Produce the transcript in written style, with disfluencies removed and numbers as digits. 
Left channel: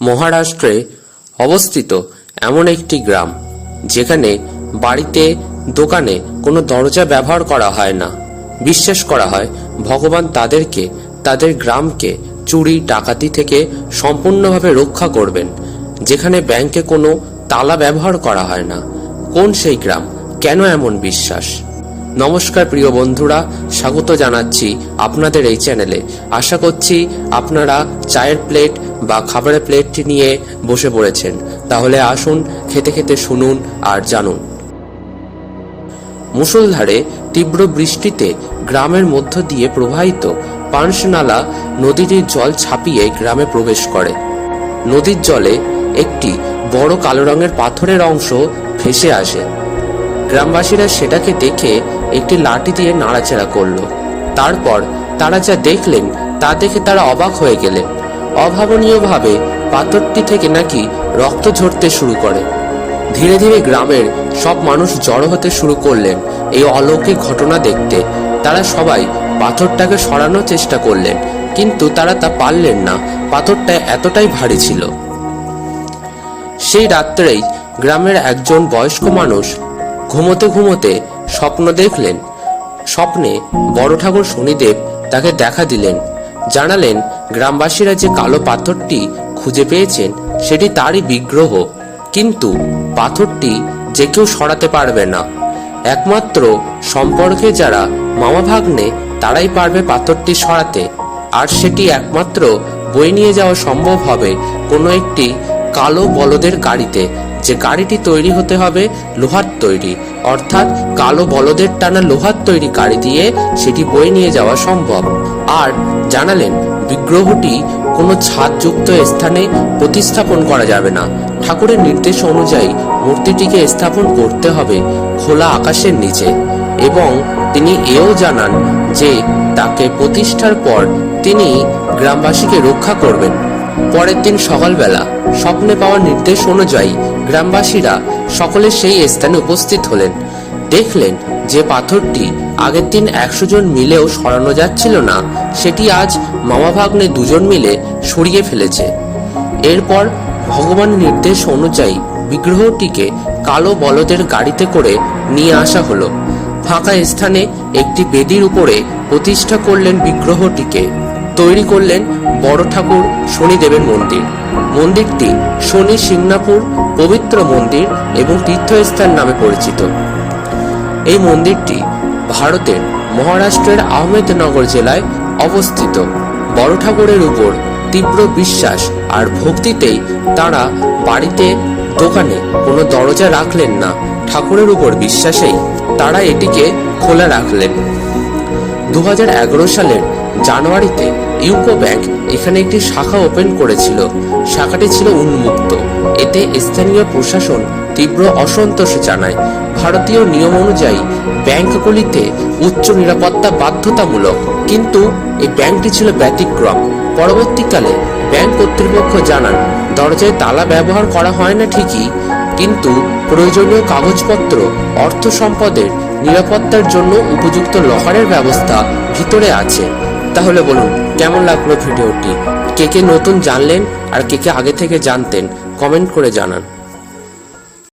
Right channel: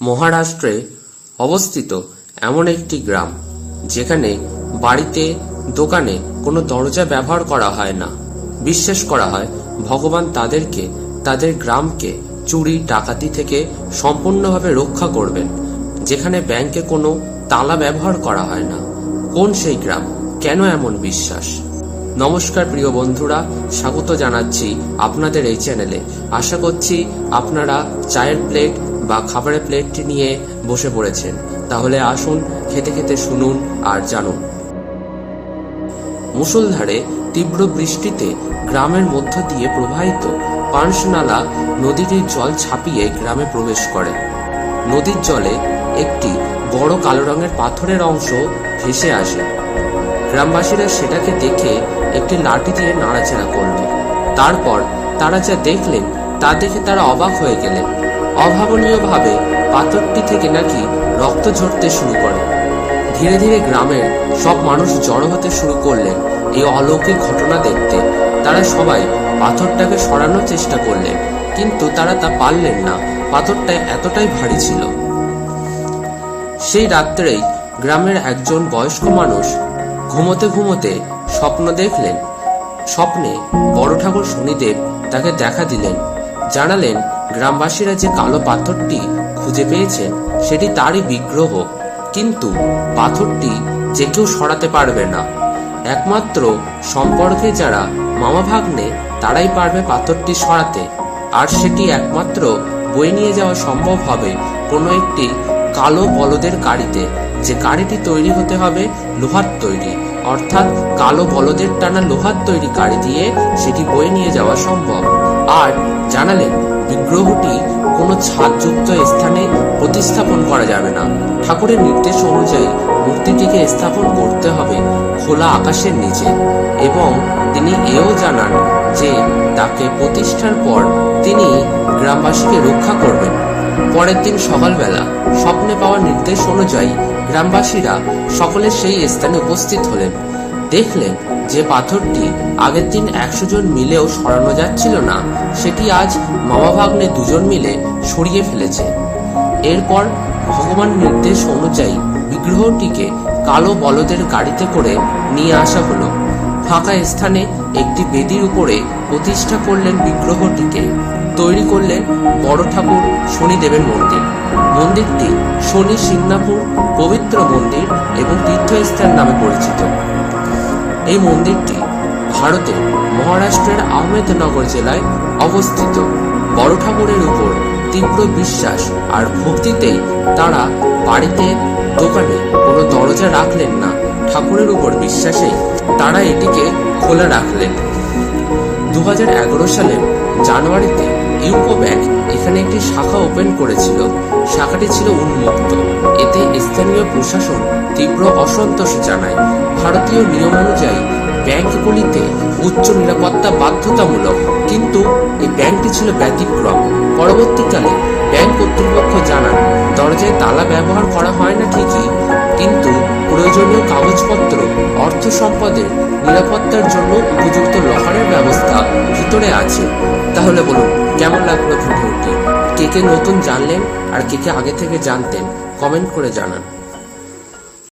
মহারাষ্ট্রে অবস্থিত এমন একটি গ্রাম যেখানে বাড়িতে দোকানে কোনো দরজা ব্যবহার করা হয় না। বিশ্বাস করা হয় ভগবান তাদেরকে তাদের গ্রামকে চুরি ডাকাতি থেকে সম্পূর্ণভাবে রক্ষা করবেন। যেখানে ব্যাংকে কোনো তালা ব্যবহার করা হয় না। কোন সেই গ্রাম? কেন এমন বিশ্বাস? নমস্কার প্রিয় বন্ধুরা, স্বাগত জানাচ্ছি আপনাদের এই চ্যানেলে। আশা করছি আপনারা চায়ের প্লেট বা খাবারের প্লেটটি নিয়ে বসে পড়েছেন। তাহলে আসুন খেতে খেতে শুনুন আর জানুন। মুষলধারে তীব্র বৃষ্টিতে গ্রামের মধ্য দিয়ে প্রবাহিত পানশনালা নদীটির জল ছাপিয়ে গ্রামে প্রবেশ করে। নদীর জলে একটি বড় কালো রঙের পাথরের অংশ ভেসে আসে। গ্রামবাসীরা সেটাকে দেখে একটি লাঠি দিয়ে নাড়াচাড়া করল। তারপর তারা যা দেখলেন তা দেখে তারা অবাক হয়ে গেলেন। অভাবনীয়ভাবে পাথরটি থেকে নাকি রক্ত ঝরতে শুরু করে। ধীরে ধীরে গ্রামের সব মানুষ জড়ো হতে শুরু করলেন এই অলৌকিক ঘটনা দেখতে। তারা সবাই পাথরটাকে সরানোর চেষ্টা করলেন, কিন্তু তারা তা পারলেন না। পাথরটা এতটাই ভারী ছিল। সেই রাত্রেই গ্রামের একজন বয়স্ক মানুষ ঘুমোতে ঘুমোতে স্বপ্ন দেখলেন। স্বপ্নে বড় ঠাকুর শনিদেব তাকে দেখা দিলেন। জানালেন গ্রামবাসীরা যে কালো পাথরটি খুঁজে পেয়েছেন সেটি তারই বিগ্রহ, কিন্তু পাথরটি যে কেউ সরাতে পারবে না। একমাত্র সম্পর্কে যারা মামা ভাগ্নে তারাই পারবে পাথরটি সরাতে। আর সেটি একমাত্র বয়ে নিয়ে যাওয়া সম্ভব হবে কোনো একটি কালো বলদের গাড়িতে, যে গাড়িটি তৈরি হতে হবে লোহার তৈরি, অর্থাৎ কালো বলদের টানা লোহার তৈরি গাড়ি দিয়ে সেটি বয়ে নিয়ে যাওয়া সম্ভব। আর জানালেন বিগ্রহটি কোনো ছাদযুক্ত স্থানে প্রতিস্থাপন করা যাবে না। ঠাকুরের নির্দেশ অনুযায়ী মূর্তিটিকে স্থাপন করতে হবে খোলা আকাশের নিচে। এবং তিনি এও জানান যে তাকে প্রতিষ্ঠার পর তিনি গ্রামবাসীকে রক্ষা করবেন। পরের দিন সকালবেলা স্বপ্নে পাওয়া নির্দেশ অনুযায়ী গ্রামবাসীরা সকলে সেই স্থানে উপস্থিত হলেন। দেখলেন যে পাথরটি আগের দিন 100 জন মিলেও সরানো যাচ্ছিল না, সেটি আজ মামা ভাগ্নে 2 জন মিলে সরিয়ে ফেলেছে। এরপর ভগবানের নির্দেশ অনুযায়ী বিগ্রহটিকে কালো বলদের গাড়িতে করে নিয়ে আসা হলো। ফাঁকা স্থানে একটি বেদির উপরে প্রতিষ্ঠা করলেন বিগ্রহটিকে। তৈরি করলেন বড় ঠাকুর শনিদেবের মন্দির। মন্দিরটি শনি সিংনাপুর পবিত্র মন্দির এবং তীর্থস্থান নামে পরিচিত। এই মন্দিরটি ভারতের মহারাষ্ট্রের আহমেদনগর জেলায় অবস্থিত। বড় ঠাকুরের উপর তীব্র বিশ্বাস আর ভক্তিতেই তারা বাড়িতে দোকানে কোনো দরজা রাখলেন না। ঠাকুরের উপর বিশ্বাসেই তারা এটিকে খোলা রাখলেন। 2011 সালের জানুয়ারিতে ইউকো ব্যাংক এখানে একটি শাখা ওপেন করেছিল। শাখাটি ছিল উন্মুক্ত। এতে স্থানীয় প্রশাসন তীব্র অসন্তোষ জানায়। ভারতীয় নিয়ম অনুযায়ী ব্যাংকগুলিতে উচ্চ নিরাপত্তা বাধ্যতামূলক, কিন্তু এই ব্যাংকটি ছিল ব্যতিক্রম। পরবর্তীকালে ব্যাংক কর্তৃপক্ষ জানান দরজায় তালা ব্যবহার করা হয় না ঠিকই, কিন্তু প্রয়োজনীয় কাগজপত্র, অর্থ সম্পদের নিরাপত্তার জন্য উপযুক্ত লকারের ব্যবস্থা ভিতরে আছে। তাহলে বলুন কেমন লাগলো ভিডিওটি? কে কে নতুন জানলেন আর কে কে আগে থেকে জানতেন? কমেন্ট করে জানান।